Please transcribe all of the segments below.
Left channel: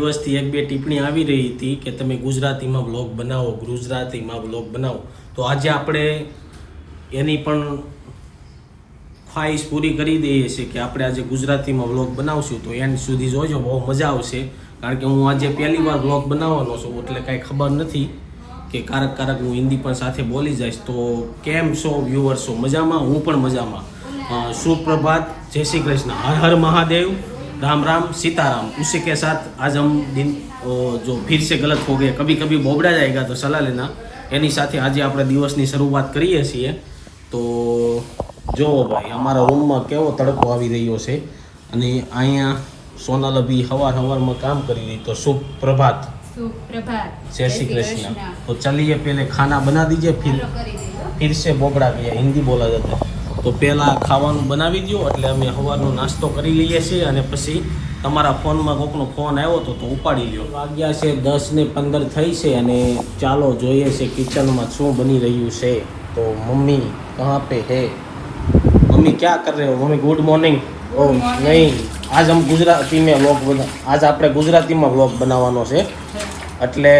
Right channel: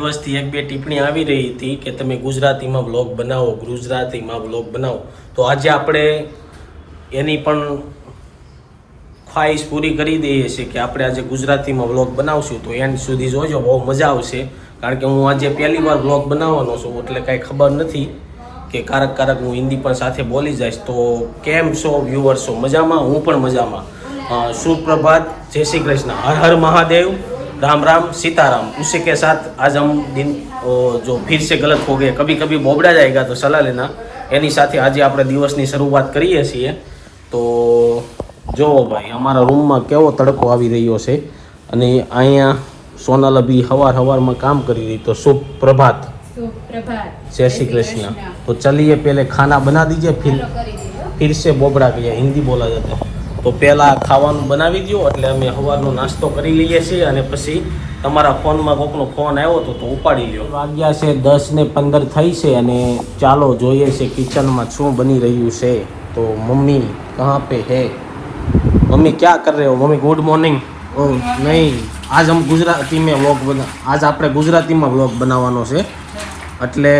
દિવસથી એક બે ટિપ્પણી આવી રહી હતી કે તમે ગુજરાતીમાં વ્લોગ બનાવો, ગુજરાતીમાં વ્લોગ બનાવો. તો આજે આપણે એની પણ ખ્વાહિશ પૂરી કરી દઈએ છીએ કે આપણે આજે ગુજરાતીમાં વ્લોગ બનાવશું. તો એન્ડ સુધી જોજો, બહુ મજા આવશે. કારણ કે હું આજે પહેલી વાર વ્લોગ બનાવવાનો છું, એટલે કાંઈ ખબર નથી કે કારક હું હિન્દી પણ સાથે બોલી જઈશ. તો કેમ છો વ્યુઅર્સો? મજામાં? હું પણ મજામાં. सुप्रभात, जय श्री कृष्ण, हर हर महादेव, राम राम, सीताराम. उसी के साथ आज हम दिन जो फिर से गलत हो गए, कभी कभी बोबड़ा जाएगा तो सलाह लेना. એની સાથે આજે આપણે દિવસની શરૂઆત કરીએ છીએ. તો જો ભાઈ, અમારા રૂમમાં કેવો તડકો આવી રહ્યો છે અને અહીંયા સોનલ અભી હવારમાં કામ કરી રહી. તો શુભ પ્રભાત, जय श्री कृष्ण. तो चलिए पहले खाना बना दीजिए, फिर से बोबड़ा गया, हिंदी बोला जाता है. તો પહેલાં ખાવાનું બનાવી દો એટલે અમે સવારનો નાસ્તો કરી લઈએ છીએ અને પછી તમારા ફોનમાં કોકનો ફોન આવ્યો હતો તો ઉપાડી લ્યો. વાગ્યા છે 10:15 થઈ છે અને ચાલો જોઈએ છે કિચનમાં શું બની રહ્યું છે. તો મમ્મી કહાં પે હે? મમ્મી ક્યાં કર રહે હો? Mummy good morning. ઓ નહીં, આજ હમ ગુજરાતી में व्लॉग આજ આપણે ગુજરાતીમાં વ્લોગ બનાવવાનો છે. એટલે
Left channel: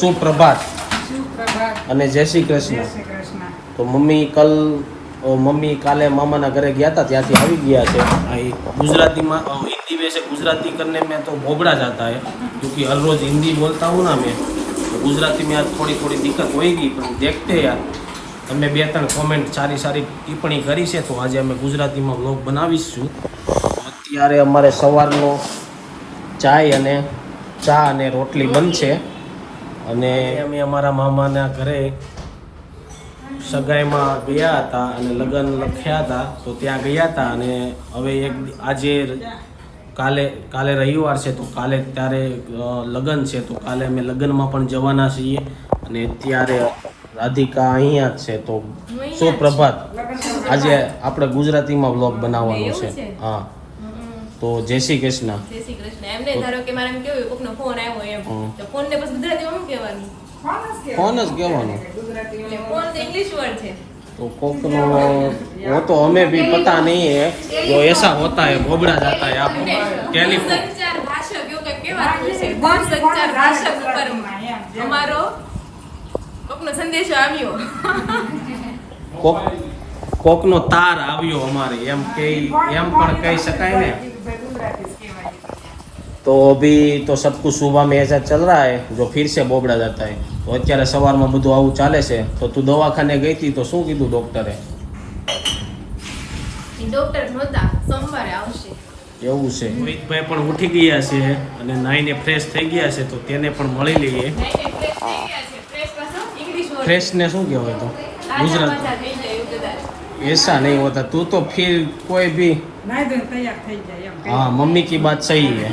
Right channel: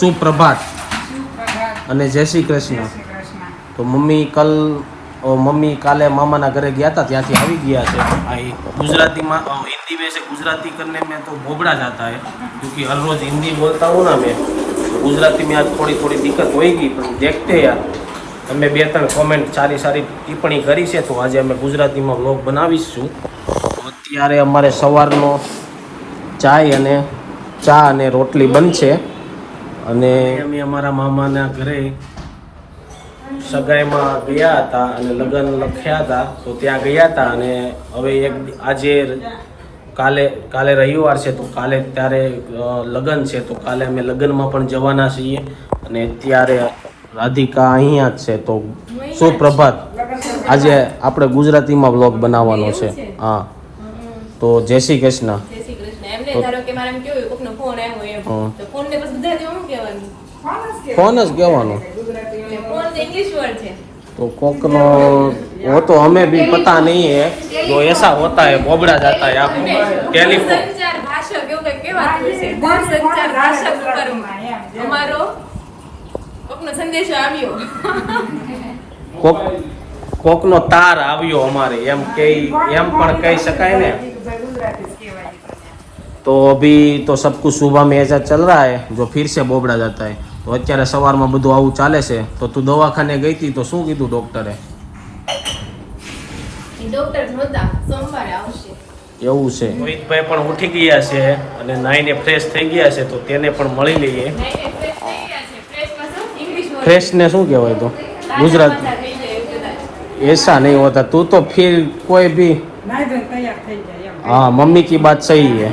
સુપ્રભાત અને જય શ્રી કૃષ્ણ. તો મમ્મી કાલે મામાના ઘરે ગયા હતા, ત્યાંથી આવી ગયા છે. गुजराती में हिंदी में से गुजराती करने में तो भोबड़ा जाता है, क्योंकि हर रोज हिंदी बोलता हूँ ना मैं, तो गुजराती में आज थोड़ी दिक्कत होगी. પણ देखते यार, તમે બે ત્રણ કોમેન્ટ સારી ટિપ્પણી કરી છે, તો આજે અમે ગુજરાતીમાં વ્લોગ બનાવીશું. અત્યારે અમારે સવારનો ચા અને રોટલી બનશે અને અમે અમારા મામાના ઘરે સગાઈમાં ગયા હતા અને લગ્ન લખ્યા હતા, તો ત્યાં ગયા હતા. અને હવે આજે કાલે રવિવાર છે, તો કાલે ત્યારે લગ્ન છે, તો કાલે અમે લગ્નમાં પણ જવાના છીએ. અને અત્યારે રાધિકા અહીંયા જ છે. તો સુપ્રભાત, આજે આપણે ગુજરાતીમાં વ્લોગ બનાવવાનો છે. હા, તો જય શ્રી કૃષ્ણ. એમને ધારો કે મારા કેવું કોકનો ફોન આવ્યો એમ, તો ફોન ને પછી બધા જેવું કહેવાનું, ફોન જ કહેવાનો. ફોન તો इंग्लिश वर्ड है. तो कोकनो वो तो हमें भी पता नहीं है, जो ऐसा होता है बोबड़ा जाता है. आप टेलीफोन संचार भाषा કેવું કઈ કહેવાતું છે, દૂર સંચાર ભાષા ઉપર અમારો કોકનો સંદેશો આવ્યો, કોકનો તાર આવ્યો અમારે, એમ પણ કહી શકાય ને. तो अभी तो सब कुछ सुबह में ऐसा चल रहा है, जो फिर से बोबड़ा जाता है. तो અત્યારે સવારમાં બધું આવું ચાલે છે. તો તું દવાખાને ગઈ હતી તો શું કીધું ડોક્ટરે? ડોક્ટર નહોતા, સોમવારે આવશે એવું છે. રોહિતભાઈ પણ ઉઠી ગયા છે અને નાઈને ફ્રેશ થઈ ગયા છે, તો તેને પણ મળી લઈએ. ફ્રેશ ને શું કહેવાય? તો ગુજરાતી ऐसा नहीं होता. तू तो फिर कोई भी हाँ, मम्मी की बात सही है.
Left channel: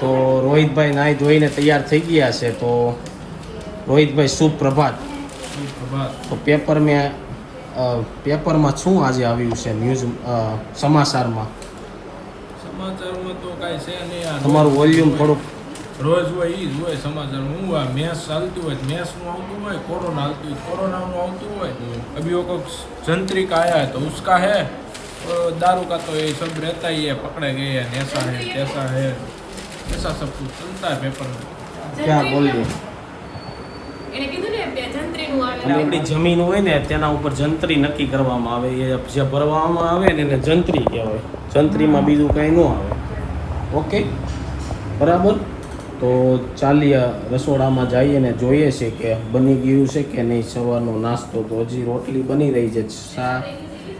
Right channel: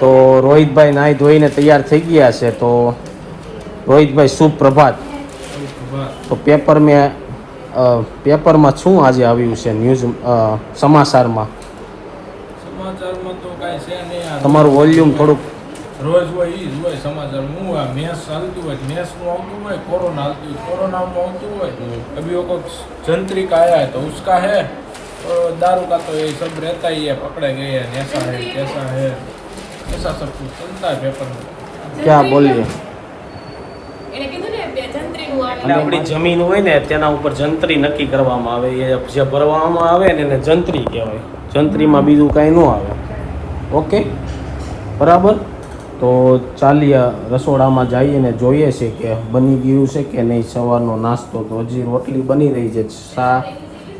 तो रोहित भाई नाई धोઈને તૈયાર થઈ ગયા છે. તો રોહિત ભાઈ સુપ્રભાત. તો પેપરમાં શું આજે આવ્યું છે ન્યૂઝ સમાચારમાં? તો કાંઈ છે નહીં. તમારું વોલ્યુમ થોડુંક રોજ હોય ઈ જ હોય સમાચાર. હું આ મેચ ચાલતું હોય, મેચનું આવતું હોય, કોરોના કોરોનાનું આવતું હોય. अभी वो जंत्रिका आया है तो उसका है, तो दारू का तो ये सब रहता ही है, पकड़े गए हैं, ऐसा है कैसा है, ऐसा सब कुछ चलता है पेपर में. क्या बोलिए? એને કીધું ને બે જંત્રીનું એટલે આપણી જમીન હોય ને તેના ઉપર જંત્રી નક્કી કરવામાં આવે. એ જે ભરવામાં આવે ને એને જંત્રી કહેવાય. જંત્રીમાં બીજું કાંઈ ન આવે. ઓકે, બરાબર. તો ચાલીએ રસોડામાં જઈએ ને જોઈએ છે કે બની ગયું છે કે નહીં સવારનો નાસ્તો. તો હજી રોટલી બની રહી છે, ચા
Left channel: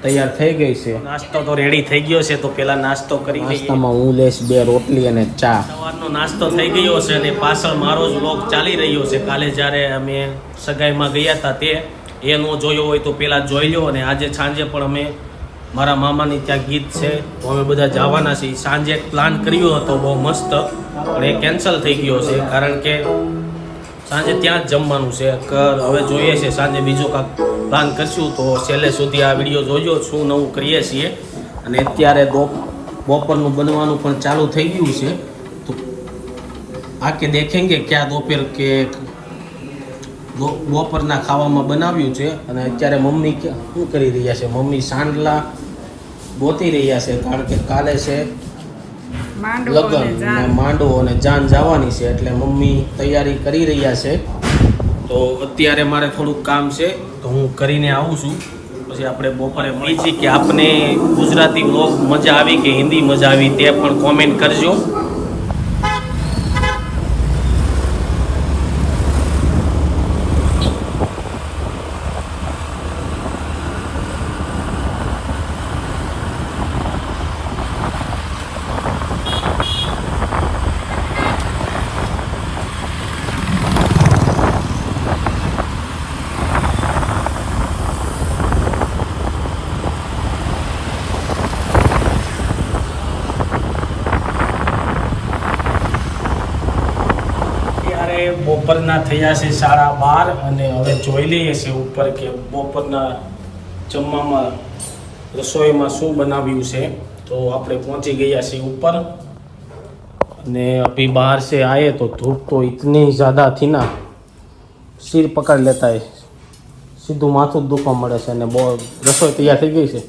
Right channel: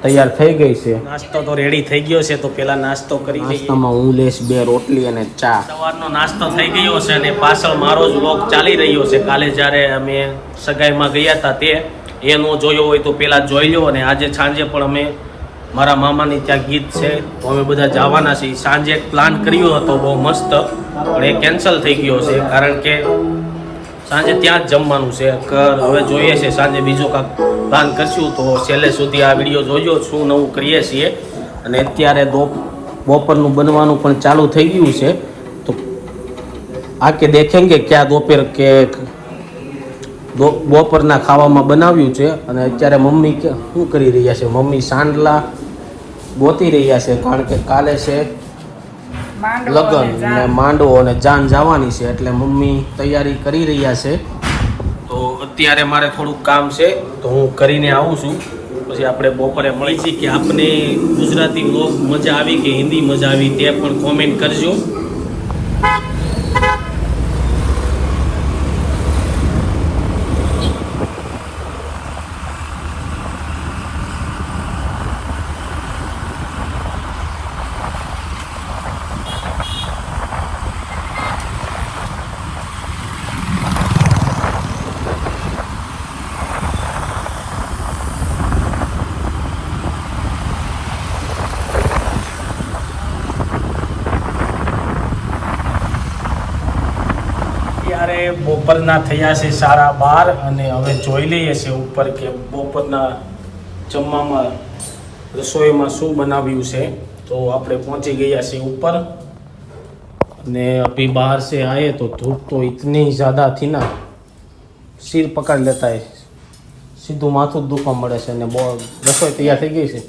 તૈયાર થઈ ગઈ છે, નાસ્તો તો રેડી થઈ ગયો છે. તો પહેલા નાસ્તો કરી લઈએ. નાસ્તામાં હું લઈશ 2 રોટલી અને ચા. સવારનો નાસ્તો થઈ ગયો છે અને પાછળ મારો જ વ્લોગ ચાલી રહ્યો છે. કાલે જ્યારે અમે સગાઈમાં ગયા હતા તે એ ન જોયો હોય તો પહેલાં જોઈ લો. અને આજે સાંજે પણ અમે મારા મામાની ત્યાં ગીત છે, તો અમે બધા જવાના છીએ. સાંજે એક પ્લાન કર્યો હતો બહુ મસ્ત, પણ એ કેન્સલ થઈ ગયો છે કારણ કે સાંજે ત્યાં જ જમવાનું છે. હવે જોઈએ છે સાંજે બીજો કાંઈક પ્લાન કરશું. તો છેલ્લે સુધી આ વિડીયો જોજો, શું નવું કરીએ છીએ. અને અત્યારે બપોરનું બનવાનું પણ ચાલુ થઈ ગયું છે. તો આકે દેખેંગે ક્યાં दोपहर કે બપોરના ખાવામાં બનાવ્યું છે. અને અત્યારે મમ્મી શું કરી રહ્યા છે? મમ્મી સાંડલા ગોતી રહ્યા છે, કારણ કે કાલે છે માંડવો અને લગ્ન જાન. ને માંડવો અને જાન જવાની છે એટલે મમ્મી તૈયારી કરી રહ્યા છે. તો અત્યારે મારે થોડુંક કામ છે તો હું કરીને આવું છું, પછી આપણે બપોરે મળી છીએ. કે આપને ગુજરાતી વ્લોગ મજા આવી કે હિન્દી મજા આવી તે પણ કોમેન્ટ કરજો. બપોરના થયા છે 12:30 અને હવે જોઈ લઈએ છે ઉપર કે બપોરના જમવામાં રસોઈમાં શું બનાવ્યું છે. તો આપણે પહોંચી ગયા છીએ ઉપર અને અભી બહાર से आए तो धूप तो इतनी ज़्यादा थी ना, सिर पकड़ लेता है, સીધું માથું દુખવા મળે છે. અને બહુ રસોઈ તૈયાર થઈ ગઈ છે.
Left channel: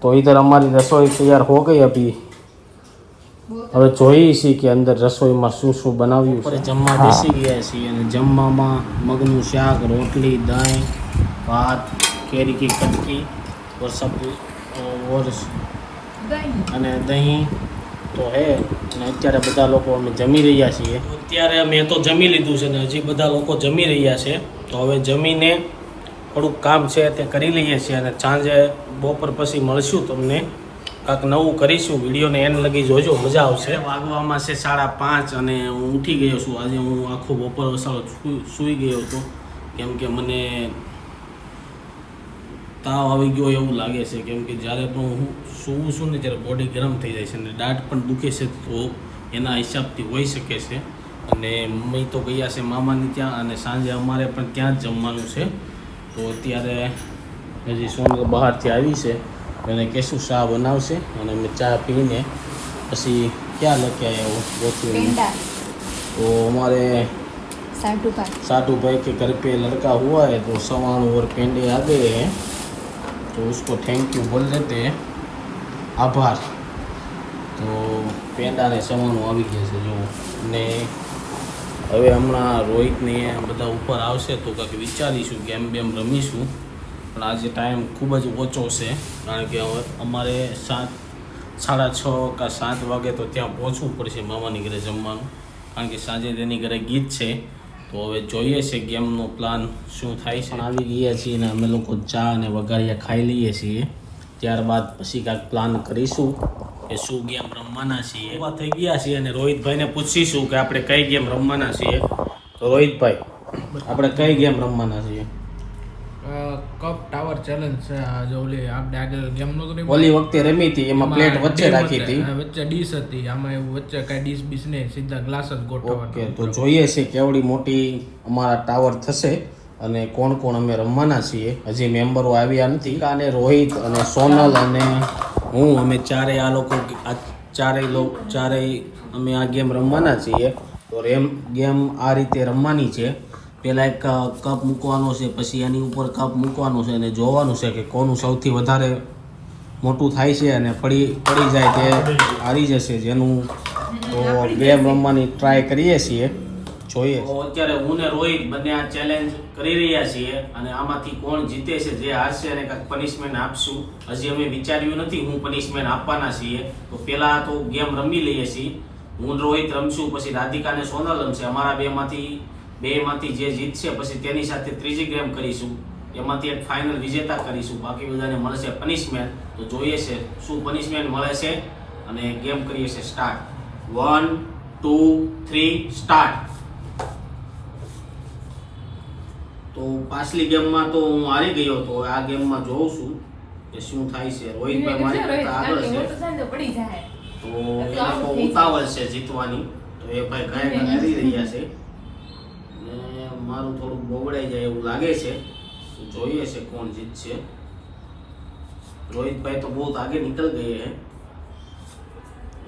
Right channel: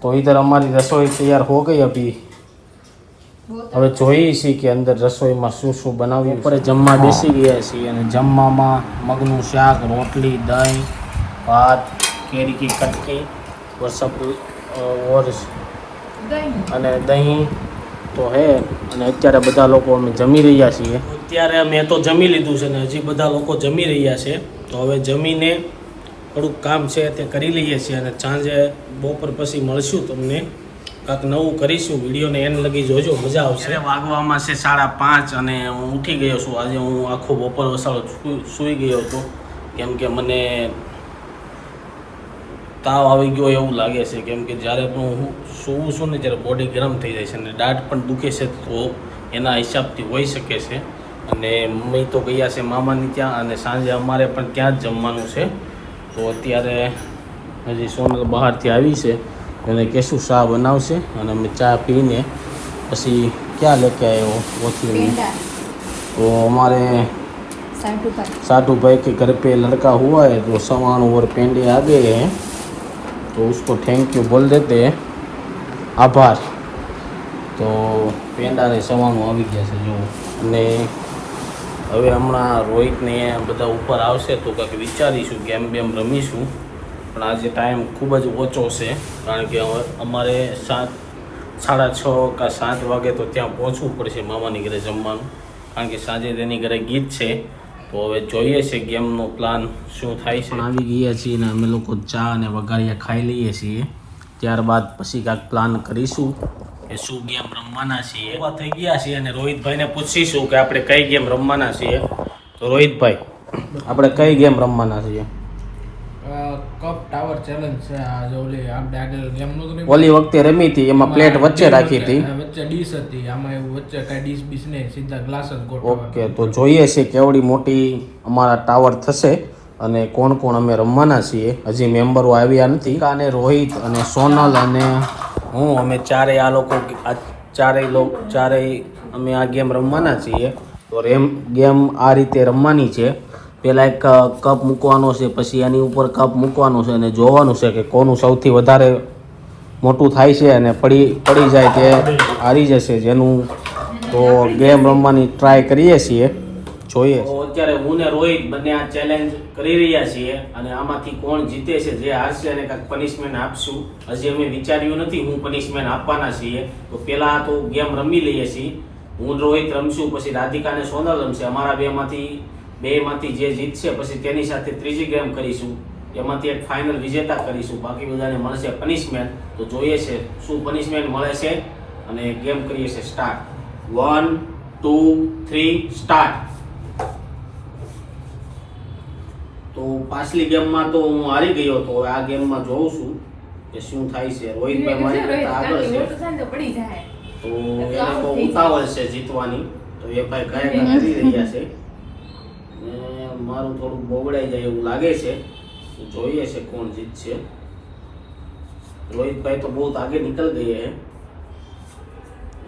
તો इधर हमारी रसोई तैयार हो गई अभी. હવે જોઈએ છીએ કે અંદર રસોઈમાં શું શું બનાવ્યું છે. જમવા બેસી ગયા છીએ અને જમવામાં મગનું શાક, રોટલી, દહીં, ભાત, કેરી કી કટકી અને દહીં તો હે. અને અત્યારે બધા લોકો અમે જમી રહ્યા છીએ. અત્યારે મેં તો જમી લીધું છે ને હજી બધા લોકો જમી રહ્યા છે. તો હવે જમીને થોડુંક કામ છે તે કરી લઈએ છીએ અને સાંજે બપોર પછી મળશું તમને, કાંક નવું કરીશું. વિડીયોને એન્ડ લગી જોજો, મજા આવશે. વાગવામાં છે 5:30 અને હું ઉઠી ગયો છું. આજે હું આખો બપોર વસાળો સૂઈ ગયો હતો કેમ કે મને તાવ આવી ગયો એવું લાગે છે. કેમ કે જ્યારે પણ હું સૂવું છું ને ત્યારે બોડી ગરમ થઈ જાય છે અને દાઢ પણ દુખે છે, તો એના હિસાબથી હોઈ શકે છે. અને મમ્મી તો ગયા છે મામાની ત્યાં અને સાંજે અમારે પણ ત્યાં જ જમવાનું છે. તો અત્યારે હજી સોનલ બહારથી આવી છે અને કેશું શાહ બનાવશે અને અમે ચા પીને પછી ક્યાં લેકે આવ્યો મોચલી. तो हमारे साधु भाई के घर पे लड़का हुआ है तो सामान और पेंडे आ गए हैं, तो उसको थैंक यू बोल देते हैं, आभार. તો પેંડા ને સામાનો આવી ગયા છે જો. અને હવે હમણાં રોહિતને બધા ઉપર આવશે તો કંઈક વિચારીશું, ગેમ બેમ રમીશું. પણ આજે ટાઈમ ખૂબ જ ઓછો છે કારણ કે અમારે 6:30 કે 7 વાગે તો ત્યાં પહોંચવું પડશે મામાની ઘરે જમવાનું, કારણ કે સાંજે તેની ઘરે ગીત છે. તો હવે જોઈએ છે ગેમનો પ્લાન શું થાય છે. આવી ગયા છીએ ને અમે લોકો ચા અને વઘારિયા ખાઈ લઈએ છીએ, ત્યારબાદ પછી કાંઈક પ્લાન કરીશું કે શું ગેમ રમવાના છીએ. એવા થઈ ગયા છીએ અને રોહિતભાઈને પૂછીશું કે આપણે કઈ ગેમ રમવાના છીએ. તો રોહિતભાઈ, આપણે કઈ ગેમ રમવાના છીએ? કપ ટાવર ચેલેન્જ છે. આ જો ઓલી આપણે આગળ ગેમ નો તો ઓલી વખતે રમી હતી એમાં પ્લેટ વચ્ચે રાખી હતી, વચ્ચે ડીશ હતી, આમાં એવું વચ્ચે કઈ ડીશ બીશ નહીં, સીધા ગ્લાસ જ ગોઠવવાના. ઓકે, તો જોઈએ છે કેવડી મોટી અમારા ટાવર થશે અને કોણ કોણ અમે રમવાના છીએ. હજી મેમ્બરો આવ્યા નથી. અને રોહિત અને સોનલ અને હું અમે ચારેય આ લોકો ચારેય અમે આ ગેમ રમવાના છીએ. તો ગેમ આ રીતે રમવાની છે. પહેલાં એક કપ મૂકવાનો છે, પછી એની ઉપર કપ મૂકવાનો છે અને જોવાનું છે કે કોનું સૌથી વધારે મોટું થાય છે અને પડી જાય તે હારી જશે જેનું. તો ગેમ રમવાની ટ્રાય કરીએ છીએ, જોઈએ. તો અત્યારે હું ને રોહિત બંને આ ચેલેન્જ કરી રહ્યા છીએ અને આમાંથી કોણ જીતે છે, જે હારશે અને કાંઈક પનિશમેન્ટ આપશું. હજી અમે વિચાર્યું નથી હું પનિશમેન્ટ આપવાના છીએ. તો પહેલાં તો ગેમ રમી લઈએ છીએ. હું રોહિત રમશું, પછી રાધિકા અને સોનલ રમશે. અમારા બેમાંથી જે જીતશે પછી તેની સાથે ત્રીજી ગેમ કરીશું, એમાંથી એક ફાઇનલ વિજેતા કરીશું. બાકી બધાને મળશે પનિશમેન્ટ. તો જોઈએ છે શું પનિશમેન્ટ મળે છે અને ગેમ કરીએ છીએ સ્ટાર્ટ. 1 2 3 સ્ટાર્ટ. તો પાછલી ગેમમાં તો હું હારી ગયો હતો, આ ગેમમાં જોઉં છું કે શું થાય છે. રોહિતભાઈ મારી કરતા આગળ છે, તો એને તો ઉતાવળ છે જીતવાની. તો એ ભાઈ ગાયગા કરી રહ્યા છે, મારું થોડુંક બગડાઈ જાય એવું લાગે છે. જોઈએ છે કોણ જીતશે. रोहित भाई तो बहुत आगे निकल गए हैं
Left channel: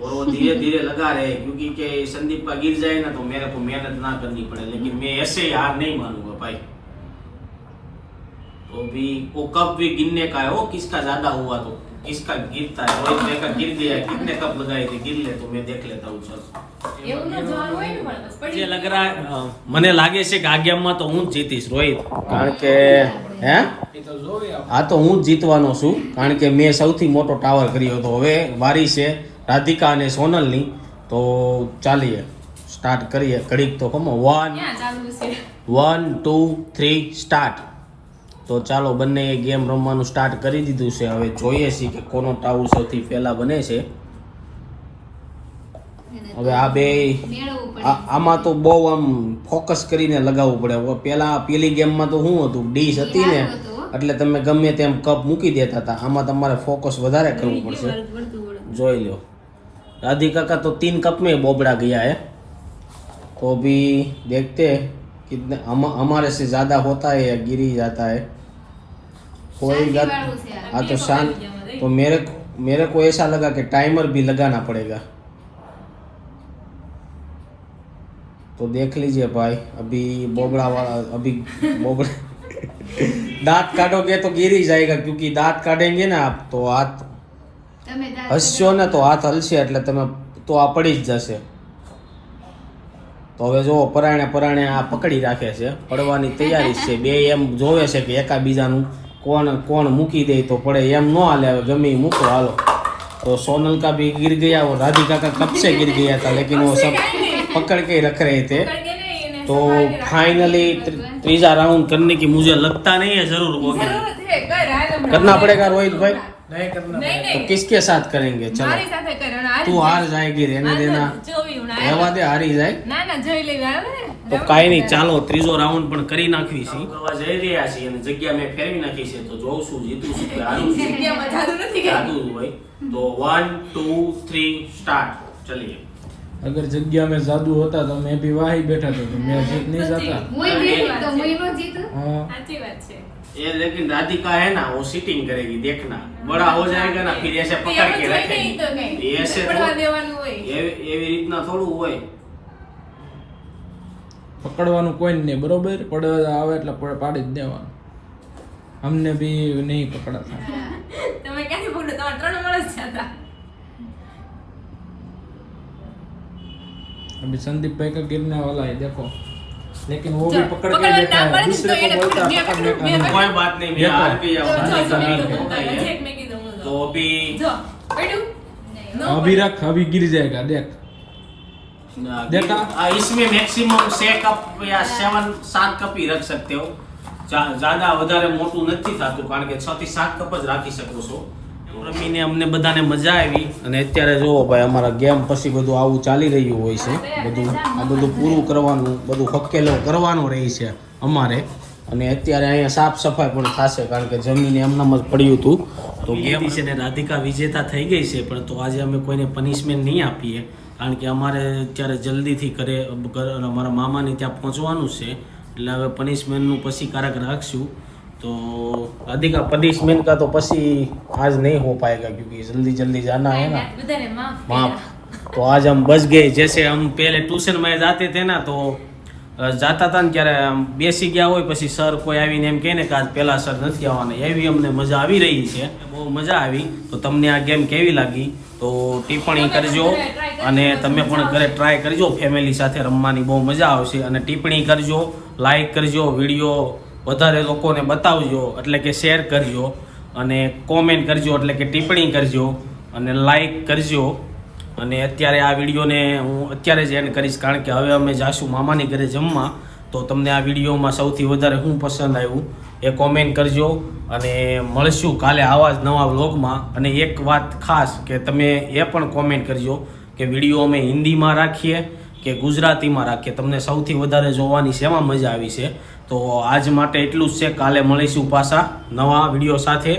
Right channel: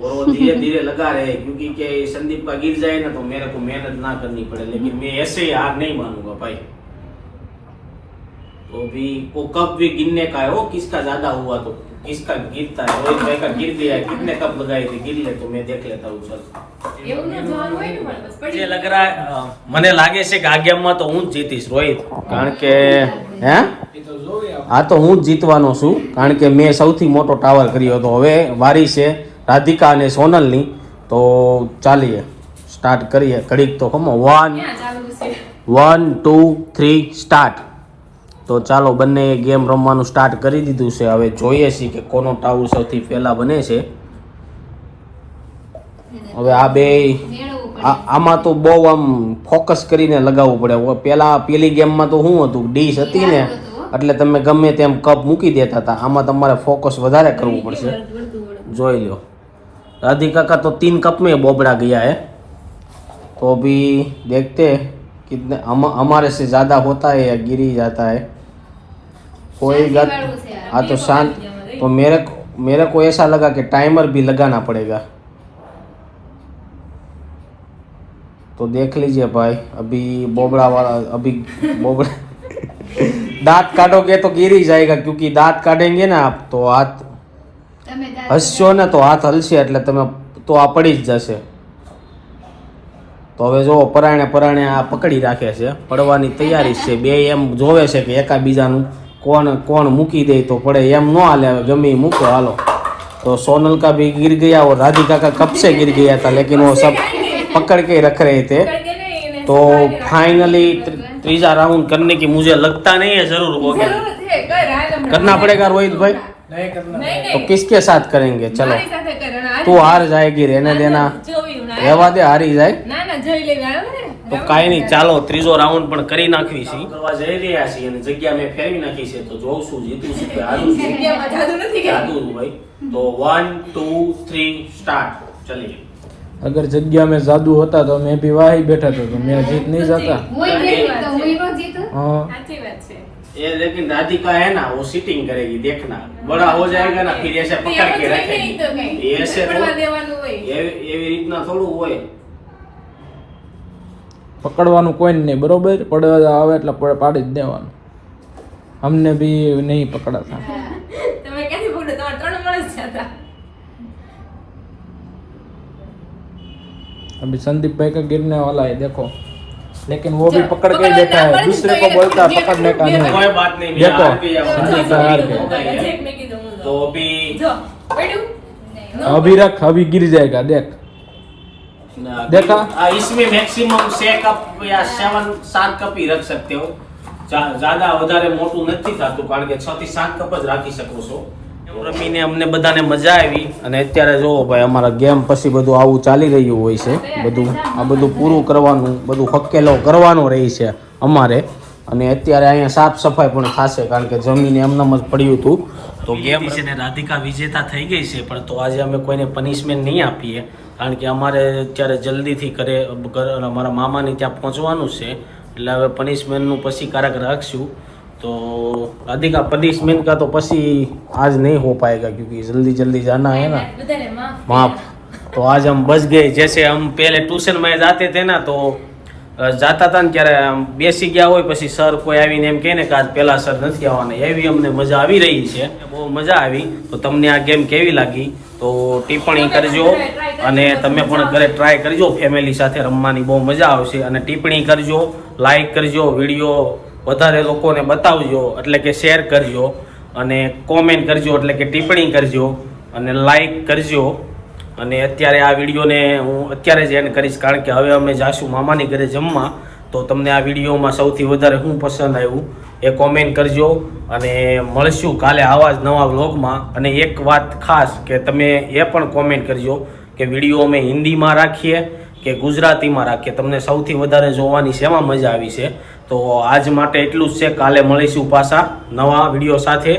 और वो धीरे धीरे लगा रहे हैं, क्योंकि के संदीप का गिर जाए ना तो मेरे को मेहनत ना करनी पड़े, लेकिन मैं ऐसे ही हार नहीं मानूंगा भाई. तो भी वो कप भी गिनने का है, वो किसका ज्यादा हुआ तो किसका गिरता है। रोहित भाई का गिर गया, कितने कप लगाए थे, गिर ले तो मैं देख लेता हूँ। चल એવું ન જોવાનું હોય ને પણ બસ मुझे लग रहा है મને લાગે છે કે આ ગેમમાં તો હું જ જીતીશ રોહિત, કારણ કે હે એ તો જોઈએ આપણે. આ તો હું જ જીતવાનો છું, કારણ કે મેં સૌથી મોટો ટાવર કર્યો હતો. હવે વારી છે રાધિકા અને સોનલની, તો ચાલીએ સ્ટાર્ટ કરીએ. ઘડીક તો ખમો 1 ક્યાં ચાલુ છે 1 2 3 સ્ટાર્ટ. તો ચાલો બંને ગેમ રમવાનું સ્ટાર્ટ કરી દીધું છે. હવે જોઈએ છીએ કે કોનો ટાવર સૌથી પહેલા બને છે. હવે આ બે આમાં તો બહુ આમ ફોકસ કરીને લગાવવું પડે. પેલી ગેમમાં તો શું હતું, ડીશ હતી ને એટલે તમે ગમે તેમ કપ મૂકી દેતા હતા. આમાં તમારે ફોકસ વધારે કરવું પડશે. જોઈ લો राधिका का तो 3 कप में बोबड़ा गया है, तो अभी देखते हैं कितने हमारे से ज्यादा होता है या गिर ही जाता है। कोई बात हाँ तो शांत। तो मेरे को ऐसा लगा कि टाइमर भी लगाना पड़ेगा, तो देख लीजिए भाई। अभी बोबड़ा वाला अभी बोबड़ा दांत काटोगे तो गिर ही जाएगा, क्योंकि दांत काटेंगे ना आप तो हाथ હસશો ને તો હાથ હલશે એટલે તમે તો આ પડી જ જશે. તો હવે જો પરાણે આ પકડી રાખે છે, પડવાની તૈયારી છે. બે એમ જોવે છે કે એકાબીજાનું કોણ મૂકી દે તો પડે, એમ ન હાલે. હવે ગમે મૂકો હાલો. तो सोनल का भी गिर गया और राधिका का कब से गिर गया था, लेकिन वो सब पकड़ के रख रहे थे. तो फाइनली तीसरा राउंड करने की मुझे लगता नहीं है जरूर होगा. જરૂર છે કર હાલ હમણાં. करना पड़ेगा रोहित भाई. નહીં करना. નહીં तो નહીં किसके साथ करेंगे? चलो મારી સાથે કર અને હાલ तू हार जाएगी, रहने देना. જોવી હમણાં. રહેવા દે, હારી જાય ના ના જોઈ લેવા આવે ને. તો કાંઈ નહીં. ચાલો ત્રીજો રાઉન્ડ પણ કરી નાખવી છે. કરવા જઈ રહ્યા છીએ અને જગ્યા મેં ફેરવી નાખી છે. તો જોઉં છું જીતું છું કે હારું છું. જગ્યામાં જાદુ નથી કર્યું. જાદુ ભાઈ. તો 1 2 3 સ્ટાર્ટ. ચલીએ. अगर जग्या में जादू होता तो मैं भी वहाँ ही बैठा था, तो मेरा जीत नहीं जाता. हाँ સાચી વાત છે. ये लेकिन राधिका है ना, वो सीटिंग करेगी, देखना. बड़ा हो जाएगा ना फिर ऐसे पकड़ के रखेगी. ये ऐसे પડવા थोड़ू- દેવાનું હોય. એવી રીતના થોડું હોય. પકડવાનું કોઈ નહીં, બરોબર? પડવા આવે એટલે પાડી જ દેવાનું. અમને भी नहीं पकड़ा था. તમે ક્યાંથી પકડો? તમારે 3 વર્ષ જ હતા. अभी संदीप भाई का गिरने वाला है, देखो. लेकिन वो भी चलो, पकड़ के पकड़ बैठा है, लेता है, दूसरे को पर बोलता है ये- पकड़ने का ये- नहीं. कोई बात नहीं, मैं देखो। हार गया हूँ. જો, राधिका हार भी गई. होता ही है. એક મેં કીધું હું तो अभी જો પડ્યું No. अभी रख, अभी गिर जाएगा, देख. देखा? इसमें मैक्सिमम 6 कप या 7 कप ही रख सकते हो. ज्यादा વધારે મોટું નથી થતું, કારણ કે 6 થી 7 કપ જ રાખી શકો છો. રમીને અમને બધાને મજા આવી. અને અત્યારે જો ભાઈ અમારા ગેમ પછી બધું આવું ચાલી રહ્યું હોય છે. બધું આ બધું પૂરું કરવાનું, બધું હકેલો કરવાનો રહી છે અમારે. અને અત્યારે અહીંયા સાફ સફાઈ પણ થશે, કારણ કે જમીને એમનામ જ પડ્યું હતું. તો ગેમ છે ને રાધિકા વિજેતા થઈ ગઈ છે, પણ તો આજે અમે કોઈને પનિશમેન્ટ નહીં આપીએ, કારણ કે અમારે અત્યારે જલ્દીથી અમારા મામાની ત્યાં પહોંચવાનું છે. એટલે હવે પનિશમેન્ટનું પછી કારક રાખશું. तो राधिका पनिशमेंट का तो पसी आज नहीं हो पाएगा, क्योंकि जल्दी जल्दी जाना है ना. બધાને માફ माफ. तो आज हम बच गए. जैसे हम पहले ट्यूशन में जाते थे ना, तो જાતા હતા ને ત્યારે આમ બેસી ગયા હોય, પછી સર કોઈ આવીને એમ કહે ને કે આજ પહેલા સર નથી આવવાના, એવી અમને મજા આવી રહી છે. બહુ મજા આવી. તો તમને આ ગેમ કેવી લાગી તો ટિપ્પણી કરજો, અને તમે પણ ઘરે ટ્રાય કરજો. ફેમિલી સાથે રમવાની બહુ મજા આવશે. અને ટિપ્પણી કરજો, લાઈક કરજો, વિડીયો વધારે લોકોને બતાવજો, એટલે કે શેર કરજો, અને કોમેન્ટ કરજો, એટલે કે ટિપ્પણી કરજો, અને લાઈક કરજો. અને અત્યારે આ વિડીયોને હું અત્યારે જ એન્ડ કરીશ, કારણ કે હવે અમે જાશું મામાની ઘરે જમવા. તો તમને આ વિડીયોમાં સૌથી વધારે શું પસંદ આવ્યું એ કોમેન્ટ કરજો. અને મળશું કાલે આવા જ નવા વ્લોગમાં. અને એક વાત ખાસ કે તમે એ પણ કોમેન્ટ કરજો કે વિડીયો અમે હિન્દીમાં રાખીએ કે ગુજરાતીમાં રાખીએ, તમને સૌથી વધારે જોવાની શેમાં મજા આવી છે. તો આજ માટે એટલું જ છે. કાલે મળીશું પાછા નવા વિડીયો સાથે,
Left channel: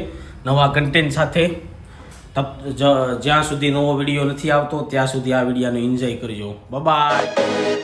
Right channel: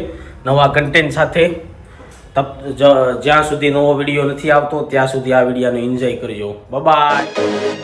નવા કન્ટેન્ટ સાથે. જ્યાં સુધી નવો વિડીયો નથી આવતો ત્યાં સુધી આ વિડીયોને એન્જોય કરજો. Bye bye.